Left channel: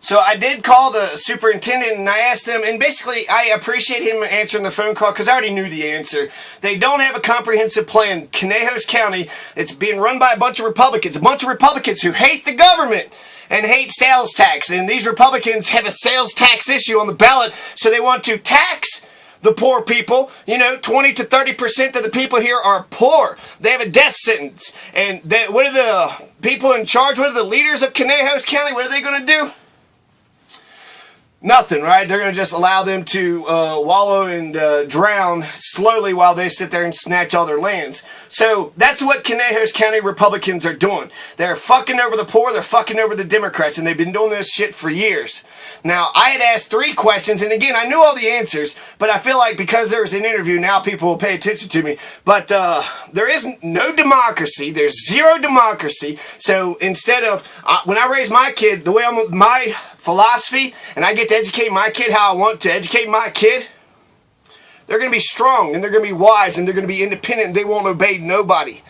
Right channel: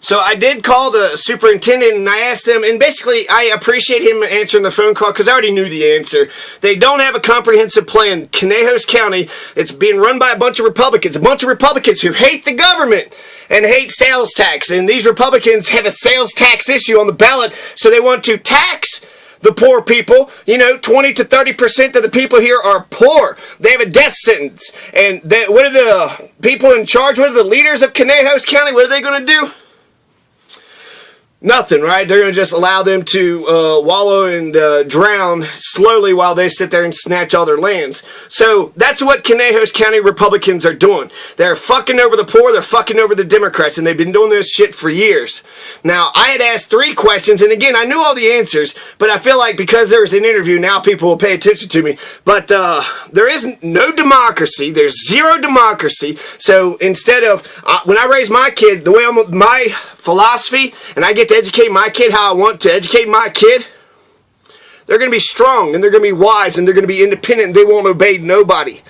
So I did call the superintendent and I asked him, and basically I appreciate him answering the phone call because I already knew the answer. They don't have a comprehensive plan. Conejos County, it's being run by a bunch of Republicans who hate the government and hate sales tax. And these Republicans have a sales tax issue on the ballot, so they want to tax the poor people. 20 to 30% of the people here are poor. They have a death sentence. And what are the people in charge? What are the leaders of Conejos County? What are they going to do? Nothing, right? They're going to just allow them to wallow and drown slowly while they sit there and snatch all their lands. So that's what Conejos County Republicans are doing. They're fucking over the poor, they're fucking over the Democrats, and they've been doing this shit for years. Now, I had asked 3 questions, and again, I knew all the answers, but I feel like because there was an interview, now people will pay attention to me. But there is no democracy. There's zero democracy. So instead of, when I raise my kid, the way my philosophy, and I get to educate my kid how I want to educate my kid, they're going to be strong, and they're going to be wise, and they're going to be independent, and they won't obey nobody.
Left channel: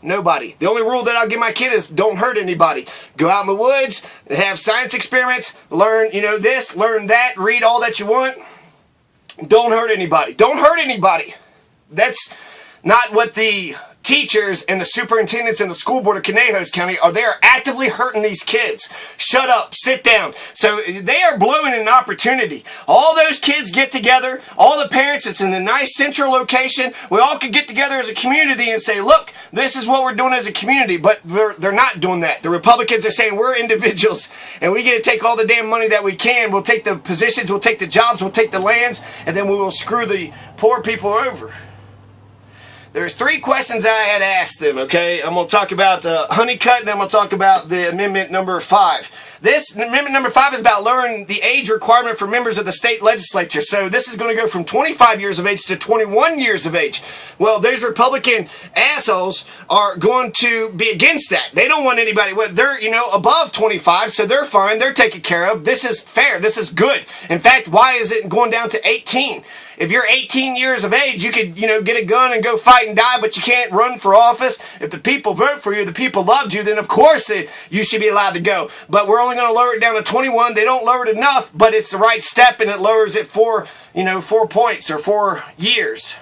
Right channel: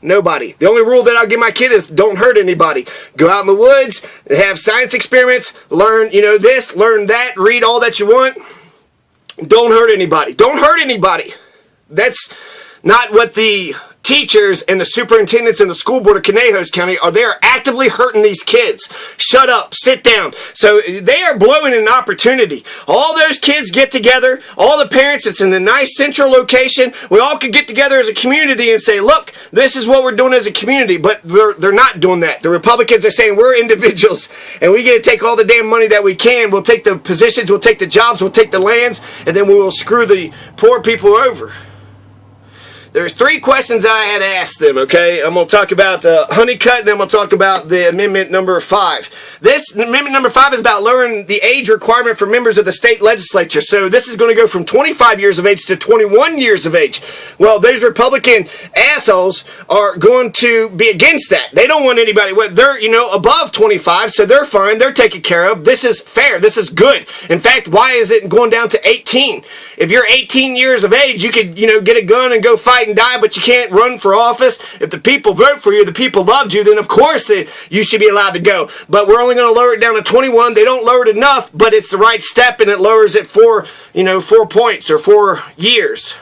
Nobody. The only rule that I'll give my kid is don't hurt anybody. Go out in the woods, have science experiments, learn, this, learn that, read all that you want. Don't hurt anybody. Don't hurt anybody. That's not what the teachers and the superintendents and the school board of Conejos County are. They are actively hurting these kids. Shut up, sit down. So they are blowing an opportunity. All those kids get together, all the parents, it's in a nice central location. We all could get together as a community and say, look, this is what we're doing as a community. But they're not doing that. The Republicans are saying we're individuals and we get to take all the damn money that we can. We'll take the positions, we'll take the jobs, we'll take the lands, and then we will screw the poor people over. There's 3 questions I had asked them, okay? I'm going to talk about Honeycutt, and then I'm going to talk about the amendment number 5. This amendment number 5 is about lowering the age requirement for members of the state legislature. So this is going to go from 25 years of age to 21 years of age. Well, those Republican assholes are going to be against that. They don't want anybody, they're, above 25, so they're fine. They're taken care of. This is fair. This is good. In fact, why is it going down to 18? If you're 18 years of age, you could, get a gun and go fight and die, but you can't run for office. If the people vote for you, the people loved you, then of course you should be allowed to go. But we're only going to lower it down to 21. They don't lower it enough, but it's the right step, and it lowers it 4 points or 4 years.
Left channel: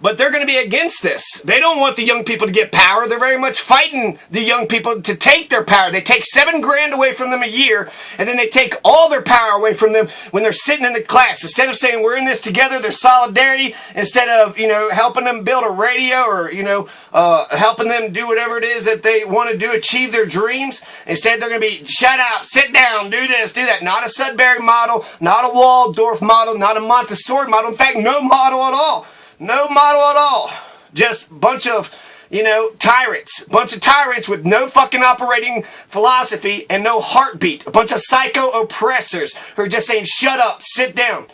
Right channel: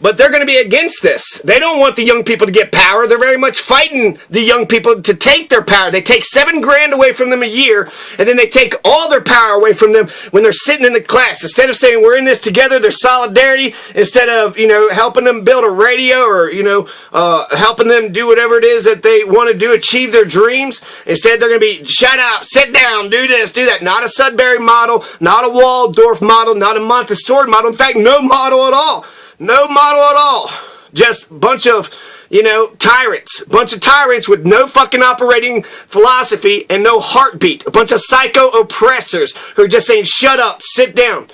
But they're going to be against this. They don't want the young people to get power. They're very much fighting the young people to take their power. They take $7,000 away from them a year, and then they take all their power away from them when they're sitting in the class. Instead of saying we're in this together, there's solidarity. Instead of helping them build a radio or helping them do whatever it is that they want to do, achieve their dreams. Instead, they're going to be shut up, sit down, do this, do that. Not a Sudbury model, not a Waldorf model, not a Montessori model. In fact, no model at all. No model at all. Just a bunch of, tyrants. Bunch of tyrants with no fucking operating philosophy and no heartbeat. A bunch of psycho oppressors who are just saying, shut up, sit down.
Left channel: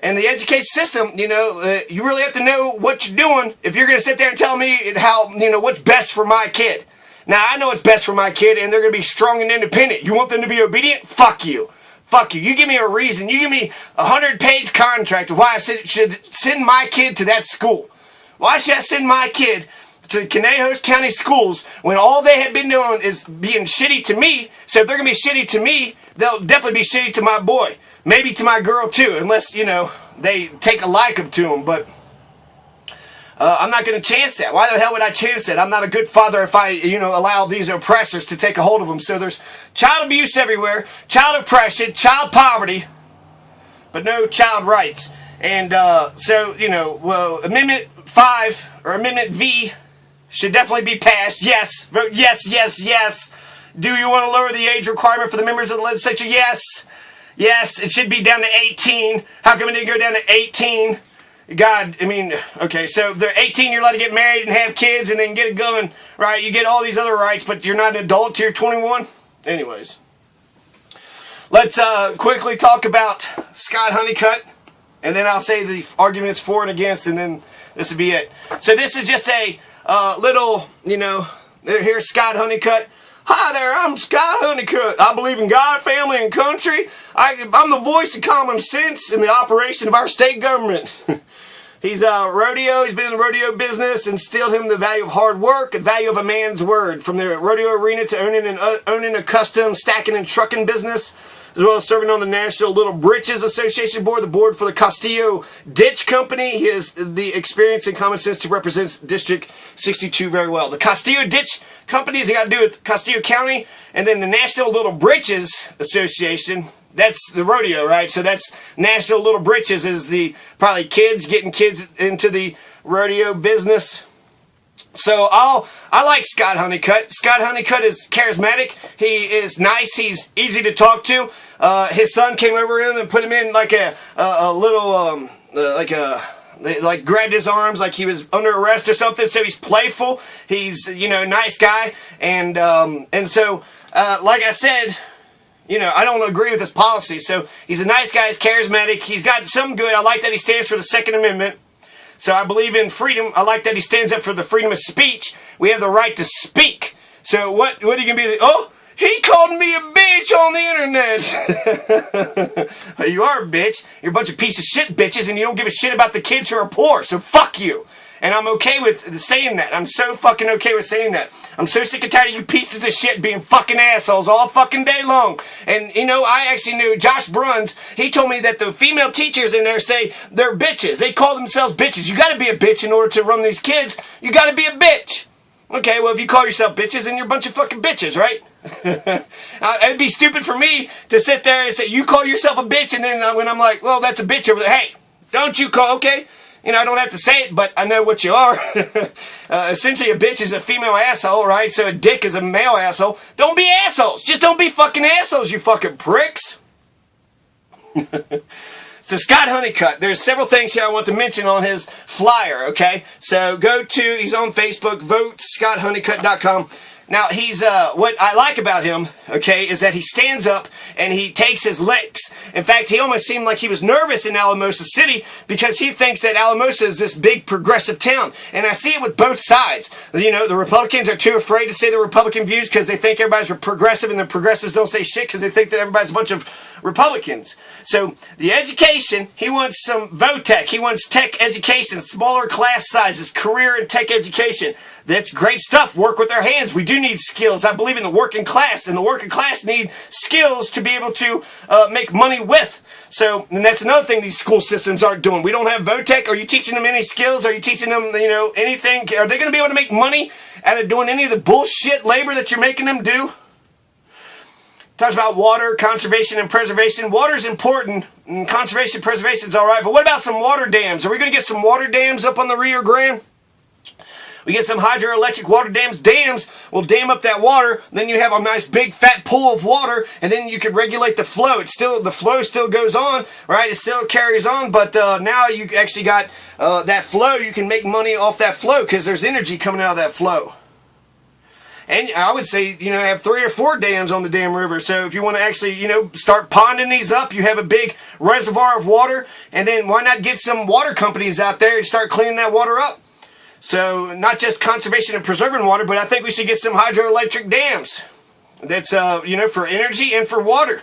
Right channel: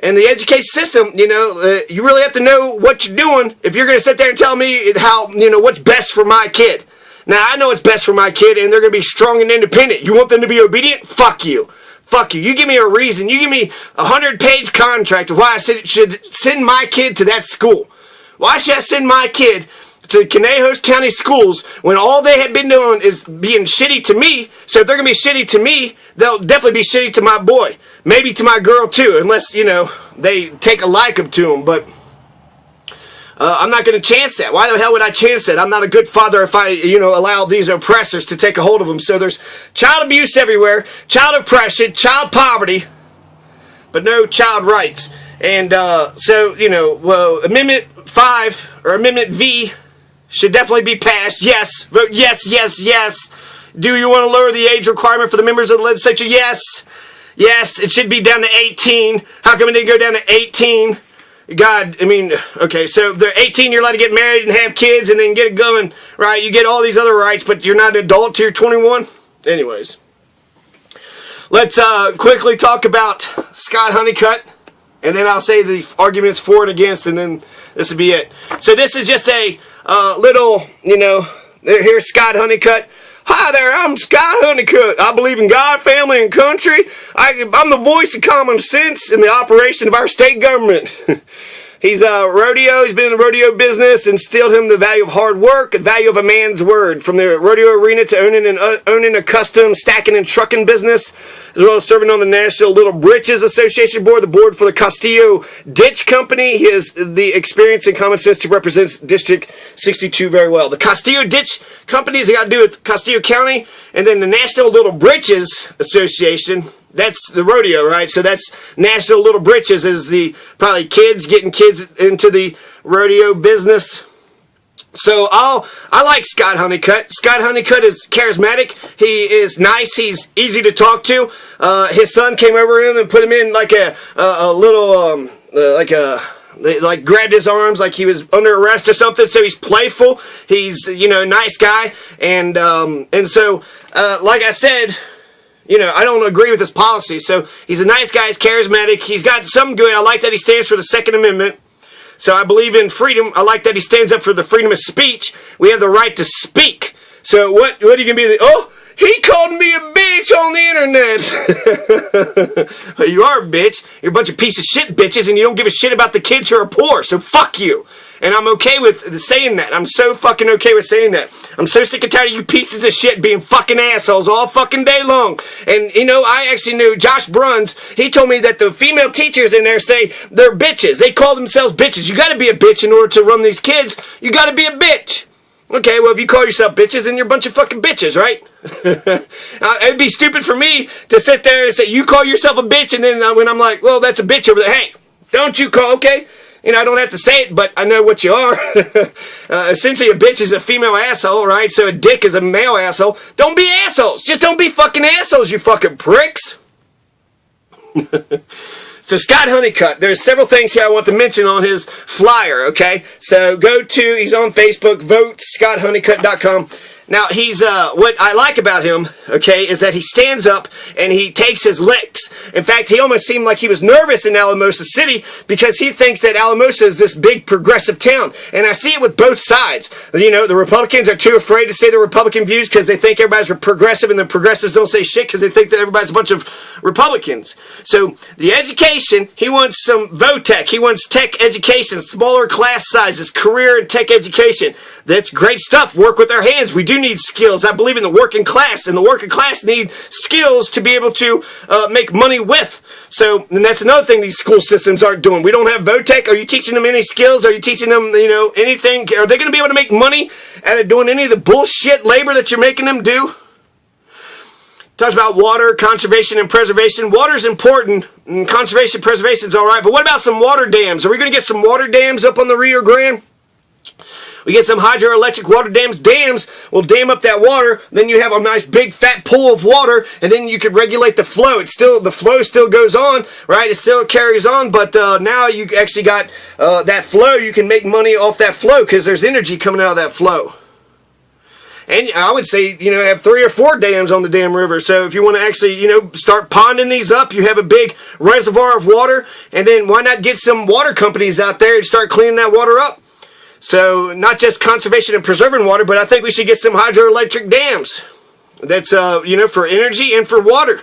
And the education system, you really have to know what you're doing if you're going to sit there and tell me how, what's best for my kid. Now, I know what's best for my kid, and they're going to be strong and independent. You want them to be obedient? Fuck you. Fuck you. You give me a reason. You give me a 100-page contract of why I should send my kid to that school. Why should I send my kid to Conejos County schools when all they have been doing is being shitty to me? So if they're going to be shitty to me, they'll definitely be shitty to my boy. Maybe to my girl too, unless, they take a liking to him. But I'm not going to chance that. Why the hell would I chance that? I'm not a good father if I, allow these oppressors to take a hold of them. So there's child abuse everywhere, child oppression, child poverty, but no child rights. And Amendment 5, or Amendment V, should definitely be passed. Yes. Vote yes, yes, yes. Do you want to lower the age requirement for the members of the legislature? Yes. Yes, it should be down to 18. How come it didn't go down to 18? God, okay, so they're 18, you're allowed to get married and have kids and then get it going, right? You get all these other rights, but you're not an adult till you're 21? Anyways. Let's quickly talk about Scott Honeycutt, and then I'll say the arguments for and against, and then this will be it. So this is just a little, here's Scott Honeycutt. Hi there, I'm Scott Honeycutt. I believe in God, family, and country. I'm the voice of common sense in the operation of our state government. He's rodeo. He's been in the rodeo business, instilled him the value of hard work, the value of a man's word, from the rodeo arena to owning a custom stacking and trucking business, as well as serving on the National Little Britches Association board, the board for the Castillo Ditch Company. He has the experience and common sense to represent District 62 very well. The Castillo Ditch Company has got to do with Castillo County, and then the National Little Britches Association. That's the rodeo, right? So that's National Little Britches is the probably getting kids into the rodeo business. So I like Scott Honeycutt. Scott Honeycutt is charismatic. He is nice. He's easy to talk to. His son came over him and put him in like a little like grabbed his arms like he was under arrest or something. So he's playful. He's nice guy, and so like I said. I don't agree with his policy. So he's a nice guy. He's charismatic. He's got some good. I like that he stands for the Second Amendment. So I believe in freedom. I like that he stands up for the freedom of speech. We have the right to speak. So what are you going to be? Oh, he called me a bitch on the internet. You are a bitch. You're a bunch of piece of shit bitches, and you don't give a shit about the kids who are poor. So fuck you. And I'm okay with saying that. I'm so fucking okay with saying that. I'm so sick and tired of you pieces of shit being fucking assholes all fucking day long. And, I actually knew Josh Bruns. He told me that the female teachers in there say they're bitches. They call themselves bitches. You gotta be a bitch in order to run these kids. You gotta be a bitch. Okay, well, if you call yourself bitches, then you're a bunch of fucking bitches, right? It'd be stupid for me to sit there and say, you call yourself a bitch, and then when I'm like, well, that's a bitch over there. Hey, don't you call, okay? I don't have to say it, but I know what you are. Essentially, a bitch is a female asshole, right? So a dick is a male asshole. Don't be assholes. Just don't be fucking assholes, you fucking pricks. So Scott Honeycutt, there's several things here I want to mention on his flyer, okay? So he's on Facebook, votescotthoneycutt.com. Now, he's, what I like about him, okay, is that he stands up and he takes his licks. In fact, he almost seemed like he was nervous in Alamosa City because he thinks that Alamosa is this big progressive town. And I see it with both sides. The Republicans are too afraid to say their Republican views because they think everybody's progressive, and the progressives don't say shit because they think that everybody's a bunch of Republicans. So, the education, he wants some VOTEC. He wants tech education, smaller class sizes, career and tech education. That's great stuff. Work with our hands. We do need skills. I believe in the working class, and the working class need skills to be able to make money with. So, and that's another thing these school systems aren't doing. We don't have VOTEC. Are you teaching them any skills? Are you teaching them, anything? Are they going to be able to make money out of doing any of the bullshit labor that you're making them do? Talks about water, conservation, and preservation. Water's important, and conservation, preservation's all right. But what about some water dams? Are we going to get some water dams up on the Rio Grande? We get some hydroelectric water dams. Dams will dam up that water. Then you have a nice big fat pool of water, and then you can regulate the flow. The flow still goes on, right? It still carries on, but now you actually got that flow. You can make money off that flow because there's energy coming out of that flow. And I would say, have 3 or 4 dams on the damn river. So if you want to actually, start ponding these up, you have a big reservoir of water, and then why not get some water companies out there and start cleaning that water up? So, not just conservation and preserving water, but I think we should get some hydroelectric dams. That's, for energy and for water.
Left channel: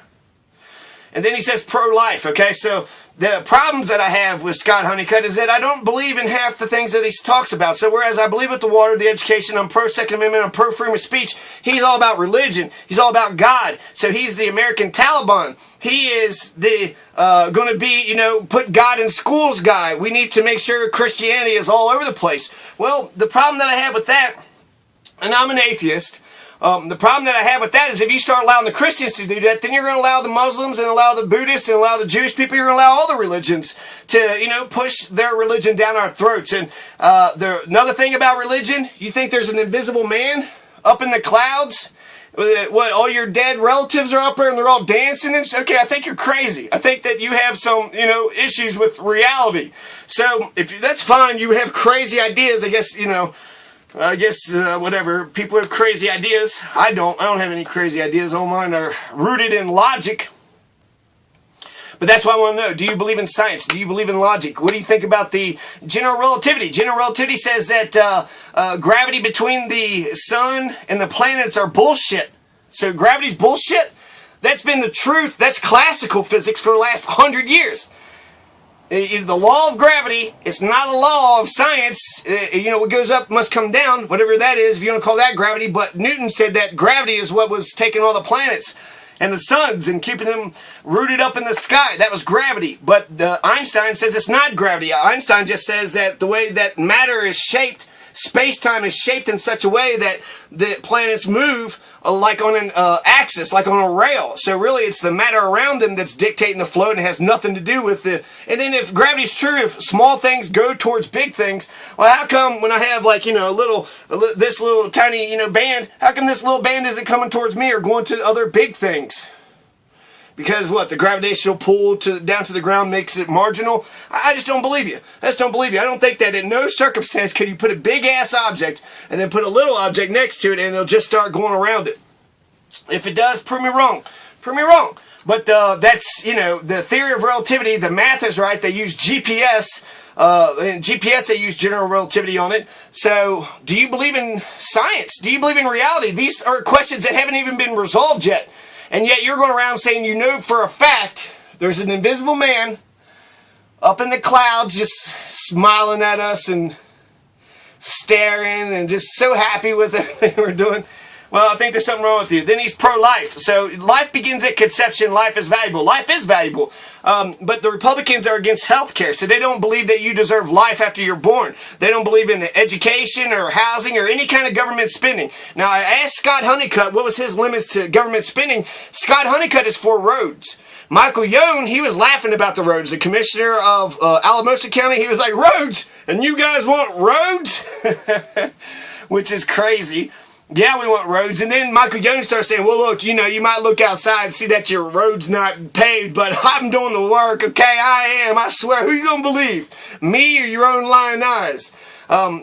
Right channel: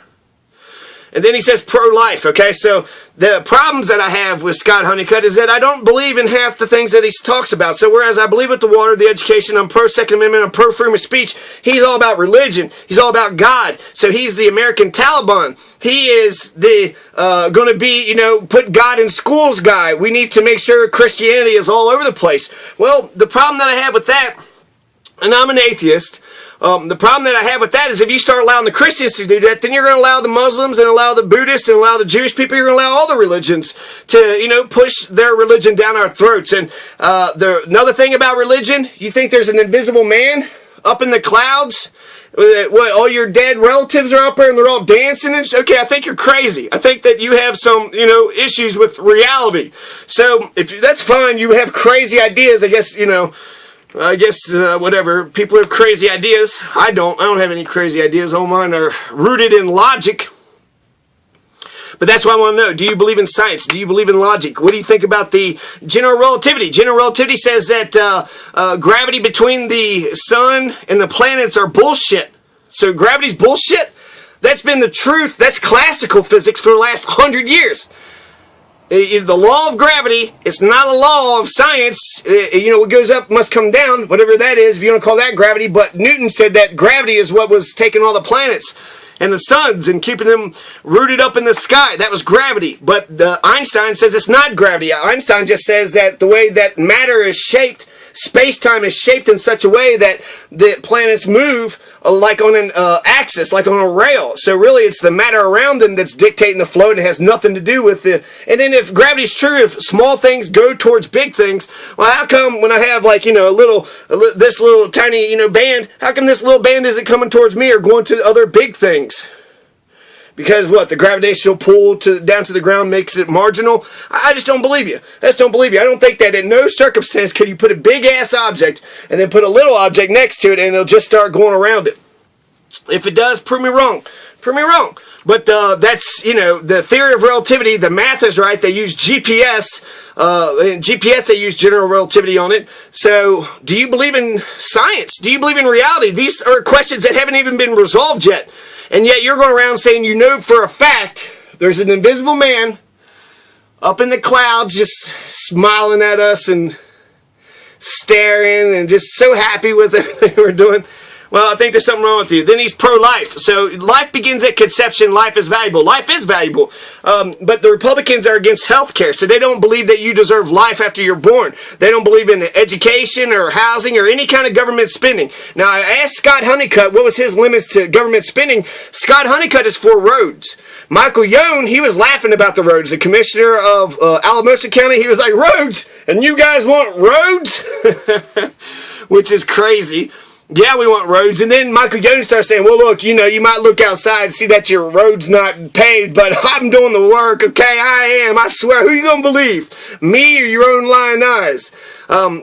And then he says pro-life, okay? So, the problems that I have with Scott Honeycutt is that I don't believe in half the things that he talks about. So, whereas I believe with the water, the education, I'm pro-Second Amendment, I'm pro-freedom of speech, he's all about religion. He's all about God. So, he's the American Taliban. He is the, going to be, put God in schools guy. We need to make sure Christianity is all over the place. Well, the problem that I have with that, and I'm an atheist, the problem that I have with that is if you start allowing the Christians to do that, then you're going to allow the Muslims and allow the Buddhists and allow the Jewish people, you're going to allow all the religions to, push their religion down our throats. And another thing about religion, you think there's an invisible man up in the clouds? What, all your dead relatives are up there and they're all dancing and okay, I think you're crazy. I think that you have some, issues with reality. So, if that's fine, you have crazy ideas, I guess, whatever. People have crazy ideas. I don't have any crazy ideas. All mine are rooted in logic. But that's what I want to know. Do you believe in science? Do you believe in logic? What do you think about the general relativity? General relativity says that gravity between the sun and the planets are bullshit. So gravity's bullshit? That's been the truth. That's classical physics for the last 100 years. The law of gravity, it's not a law of science. What goes up must come down, whatever that is, if you want to call that gravity. But Newton said that gravity is what was taking all the planets and the suns and keeping them rooted up in the sky. That was gravity. But Einstein says it's not gravity. Einstein just says that the way that matter is shaped, space-time is shaped in such a way that the planets move like on an axis, like on a rail. So really it's the matter around them that's dictating the flow, and it has nothing to do with the... And then if gravity's true, if small things go towards big things, well, how come when I have this little tiny, band, how come this little band isn't coming towards me or going to other big things? Because what? The gravitational pull down to the ground makes it marginal? I just don't believe you. I just don't believe you. I don't think that in no circumstance could you put a big-ass object and then put a little object next to it and it'll just start going around it. If it does, prove me wrong. Prove me wrong. But that's, the theory of relativity. The math is right. They use GPS. In GPS, they use general relativity on it. So, do you believe in science? Do you believe in reality? These are questions that haven't even been resolved yet. And yet you're going around saying for a fact there's an invisible man up in the clouds just smiling at us and staring and just so happy with everything we're doing. Well, I think there's something wrong with you. Then he's pro-life. So life begins at conception. Life is valuable. Life is valuable. But the Republicans are against health care. So they don't believe that you deserve life after you're born. They don't believe in education or housing or any kind of government spending. Now, I asked Scott Honeycutt what was his limits to government spending. Scott Honeycutt is for roads. Michael Young, he was laughing about the roads. The commissioner of Alamosa County, he was like, roads? And you guys want roads? Which is crazy. Yeah, we want roads. And then Michael Young starts saying, well, look, you might look outside and see that your road's not paved, but I'm doing the work, okay? I am. I swear. Who are you going to believe? Me or your own lying eyes?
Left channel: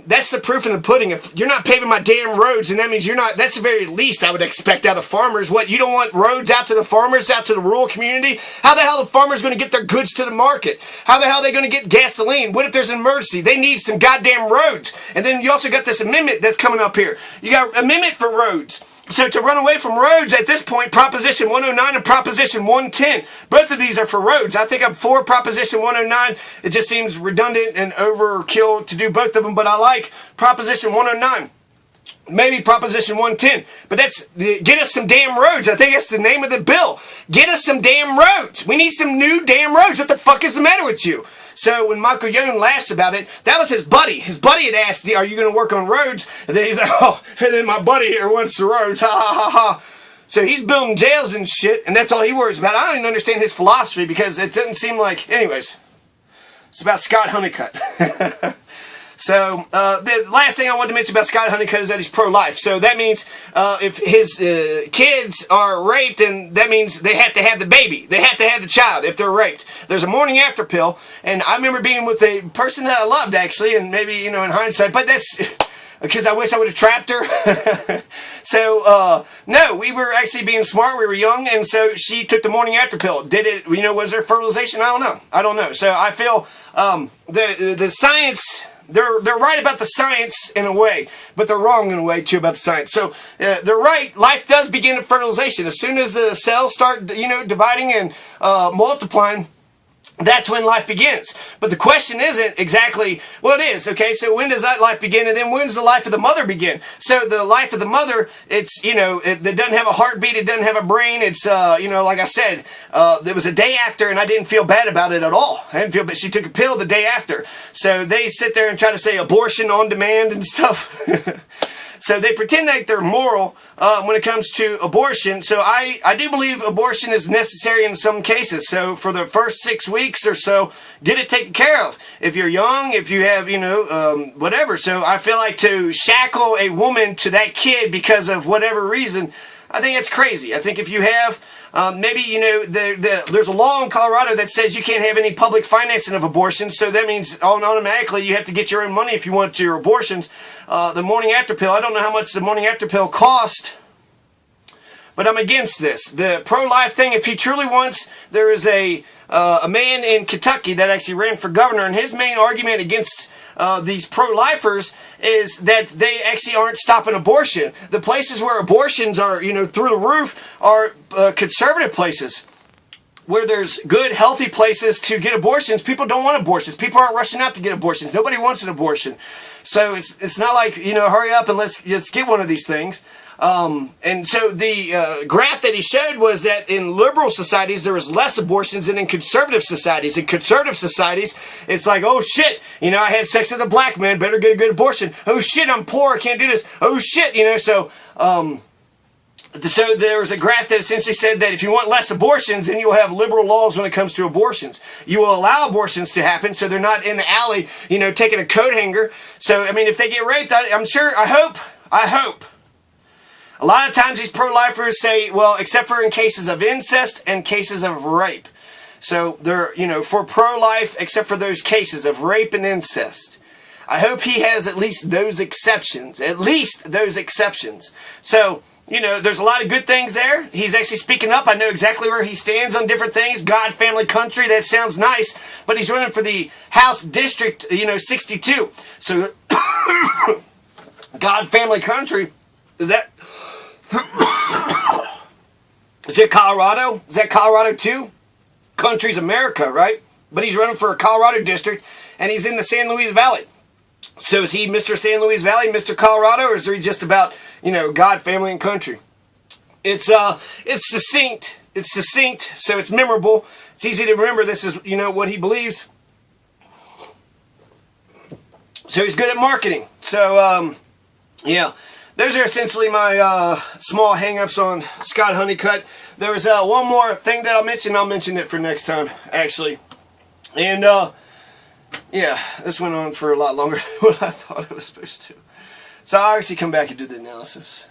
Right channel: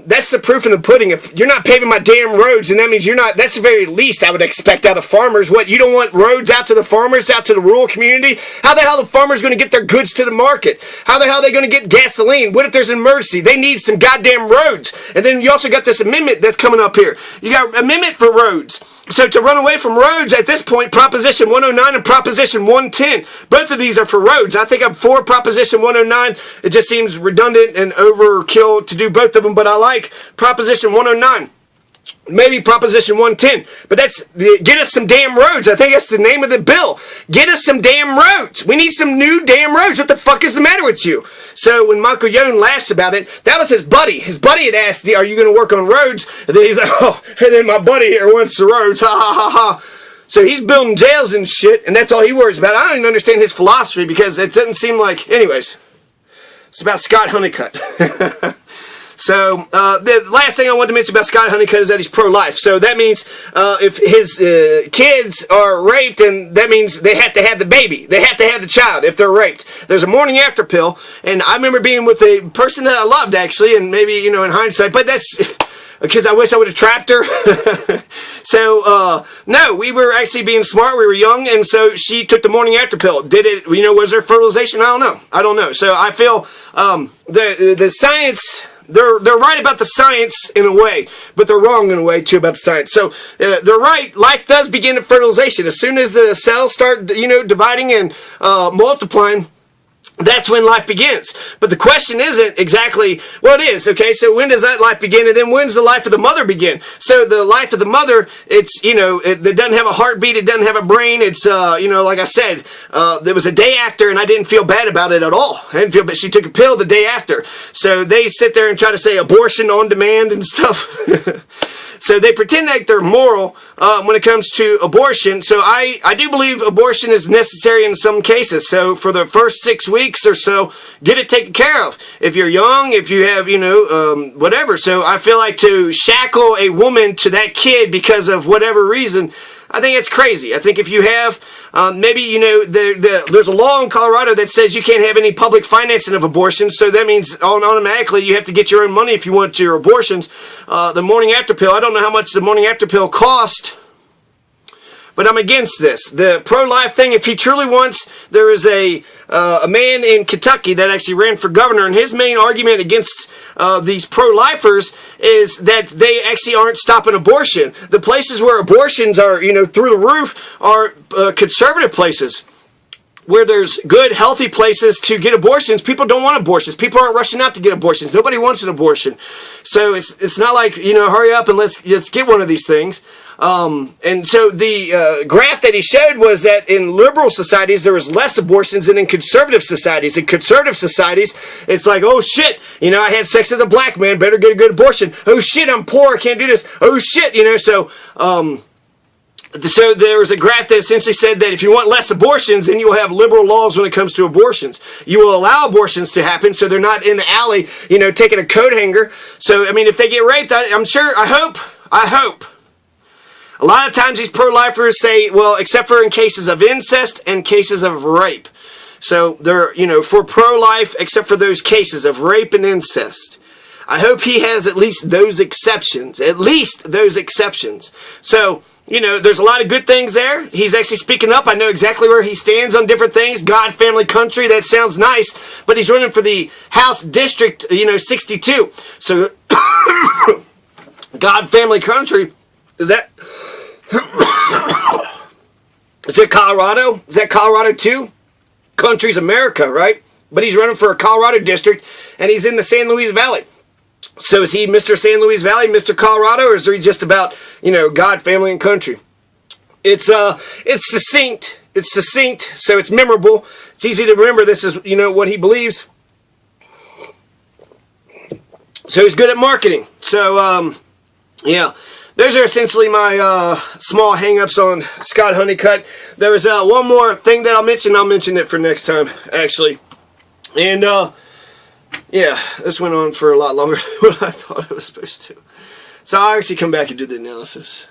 That's the proof in the pudding. If you're not paving my damn roads, and that means you're not, that's the very least I would expect out of farmers. What, you don't want roads out to the farmers, out to the rural community? How the hell are the farmers going to get their goods to the market? How the hell are they going to get gasoline? What if there's an emergency? They need some goddamn roads. And then you also got this amendment that's coming up here. You got an amendment for roads. So to run away from roads at this point, Proposition 109 and Proposition 110, both of these are for roads. I think I'm for Proposition 109. It just seems redundant and overkill to do both of them, but I like Proposition 109. Maybe Proposition 110, but that's, get us some damn roads. I think that's the name of the bill. Get us some damn roads. We need some new damn roads. What the fuck is the matter with you? So when Michael Young laughs about it, that was his buddy. His buddy had asked, are you going to work on roads? And then he's like, oh, and then my buddy here wants the roads. Ha ha ha ha. So he's building jails and shit, and that's all he worries about. I don't even understand his philosophy because it doesn't seem like, anyways, it's about Scott Honeycutt. So, the last thing I wanted to mention about Scott Honeycutt is that he's pro-life. So that means if his kids are raped, and that means they have to have the baby. They have to have the child if they're raped. There's a morning after pill, and I remember being with a person that I loved, actually, and maybe, in hindsight, but that's because I wish I would have trapped her. So, no, we were actually being smart. We were young, and so she took the morning after pill. Did it, was there fertilization? I don't know. So I feel the science... They're right about the science in a way, but they're wrong in a way too about the science. So they're right. Life does begin at fertilization. As soon as the cells start, dividing and multiplying, that's when life begins. But the question isn't exactly, well, it is, okay, so when does that life begin, and then when's the life of the mother begin? So the life of the mother, it's, it doesn't have a heartbeat, it doesn't have a brain, it's, like I said, there was a day after, and I didn't feel bad about it at all. I didn't feel bad. She took a pill the day after. So they sit there and try to say abortion on demand and stuff. So they pretend like they're moral when it comes to abortion. So I do believe abortion is necessary in some cases. So for the first 6 weeks or so, get it taken care of. If you're young, if you have, whatever. So I feel like to shackle a woman to that kid because of whatever reason, I think it's crazy. I think if you have, maybe, there's a law in Colorado that says you can't have any public financing of abortions, so that means automatically you have to get your own money if you want your abortions. The morning after pill, I don't know how much the morning after pill cost, but I'm against this. The pro-life thing, if he truly wants, there is a man in Kentucky that actually ran for governor, and his main argument against these pro-lifers is that they actually aren't stopping abortion. The places where abortions are, through the roof are conservative places. where there's good, healthy places to get abortions, people don't want abortions. People aren't rushing out to get abortions. Nobody wants an abortion. So it's not like, hurry up and let's get one of these things. And so the graph that he showed was that in liberal societies, there was less abortions than in conservative societies. In conservative societies, it's like, oh shit, I had sex with a black man, better get a good abortion. Oh shit, I'm poor, I can't do this. Oh shit, So there was a graph that essentially said that if you want less abortions, then you will have liberal laws when it comes to abortions. You will allow abortions to happen so they're not in the alley, taking a coat hanger. So, if they get raped, I hope. A lot of times these pro-lifers say, well, except for in cases of incest and cases of rape. So they're, for pro-life, except for those cases of rape and incest. I hope he has at least those exceptions. So, there's a lot of good things there. He's actually speaking up. I know exactly where he stands on different things. God, family, country, that sounds nice. But he's running for the House District, 62. So, God, family, country, is that Colorado? Is that Colorado too? Country's America, right? But he's running for a Colorado district, and he's in the San Luis Valley. So is he Mr. San Luis Valley, Mr. Colorado, or is he just about, God, family, and country? It's succinct. It's succinct, so it's memorable. It's easy to remember this is, what he believes. So he's good at marketing. So, yeah. Those are essentially my small hang-ups on Scott Honeycutt. There was one more thing that I'll mention. I'll mention it for next time, actually. And, yeah, this went on for a lot longer than what I thought it was supposed to. So I'll actually come back and do the analysis.